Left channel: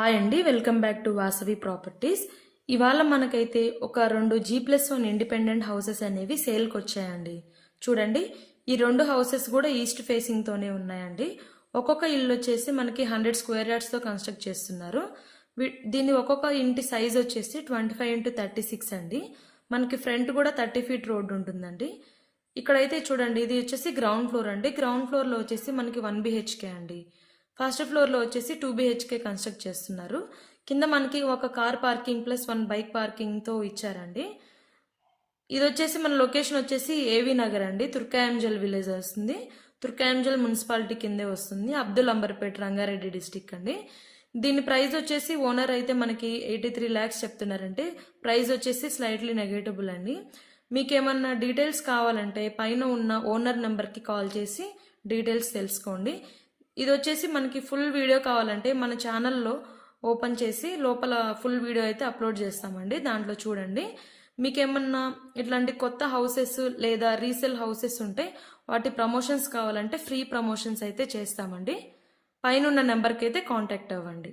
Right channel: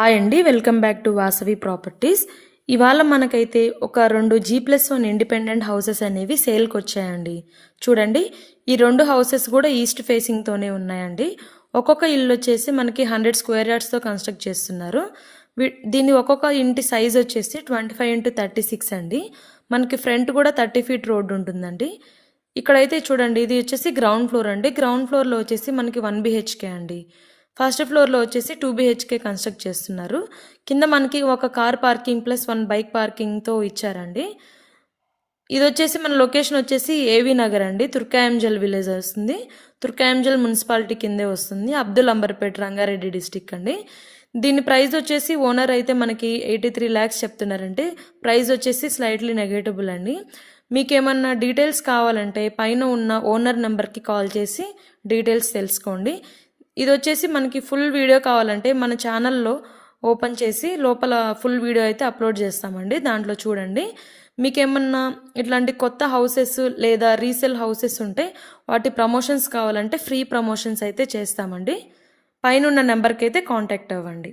Hi అండి, welcome back to Vasavi properties. ఇవాళ మనకైతే ఒక 2 G+1 ఇండిపెండెంట్ హౌసెస్ అనేవి సేల్కి వచ్చాయండి. చూడండి, ఈ 2 హౌసెస్ కూడా ఈస్ట్ ఫేసింగ్తోనే ఉన్నాయండి. ఒక్కొక్క ఇల్లు వచ్చేసి మనకి 100 స్క్వేర్ యార్డ్స్తో కన్స్ట్రక్ట్ చేస్తున్నారు. దీని ఒక్కొక్క ఇంటి సైజ్ వచ్చేసి 25x36 అండి. మనకి ఫ్రంట్ కూడా 30 ఫీట్ రోడ్డు ఉంటుందండి. ఇక్కడైతే చూడండి, ఇది వచ్చేసి గ్రౌండ్ ఫ్లోర్ అండి. గ్రౌండ్ ఫ్లోర్లో వచ్చేసి మనకి 1 BHK అండి. ఫస్ట్ ఫ్లోర్లో వచ్చేసి 2 BHK కన్స్ట్రక్ట్ చేస్తున్నారు. కింద మనకి ఒక కార్ పార్కింగ్ ప్లస్ 1 బైక్ పార్కింగ్తో ఇచ్చారండి. ఇది వచ్చేసి మన లొకేషన్ వచ్చేసి ఏవి నగర్ అండి, తుర్కాయంజల్ విలేజ్ వస్తుంది. తుర్కాయంజల్ మున్సిపాలిటీ కిందే వస్తుంది. అబ్దుల్ అంబర్పేట్, రంగారెడ్డి డిస్టిక్ అండి. దీని ప్రైస్ వచ్చేసి ఓనర్ అయితే మనకి 83 lakhs చెప్తున్నారంటే ప్రైస్ వచ్చేసి స్లైట్లీ నెగటిబుల్ అండి. మీకు ఏమన్నా డీటెయిల్స్ కావాలంటే పైన ఉన్న ఓనర్ నెంబర్కి కాల్ చేసి డీటెయిల్స్ తెలుసుకోండి. ఇది వచ్చేసి మనకి ఫుల్ వీడియో కావాలంటే మన ఛానల్లో ఓపెన్ చేసి లోపల ఫుల్ వీడియో అయితే అప్లోడ్ చేస్తామండి. దాంట్లో చూడండి. మీకేమన్నా ఇట్లాంటి కొత్త హౌసెస్ లేదా రీసేల్ హౌసెస్ ఉంటే వాటి ప్రమోషన్స్ కావాలంటే ఫ్రీ ప్రమోషన్స్ అయితే చేస్తామండి. పైన ఉన్న నెంబర్కి అయితే కాంటాక్ట్ అవ్వండి.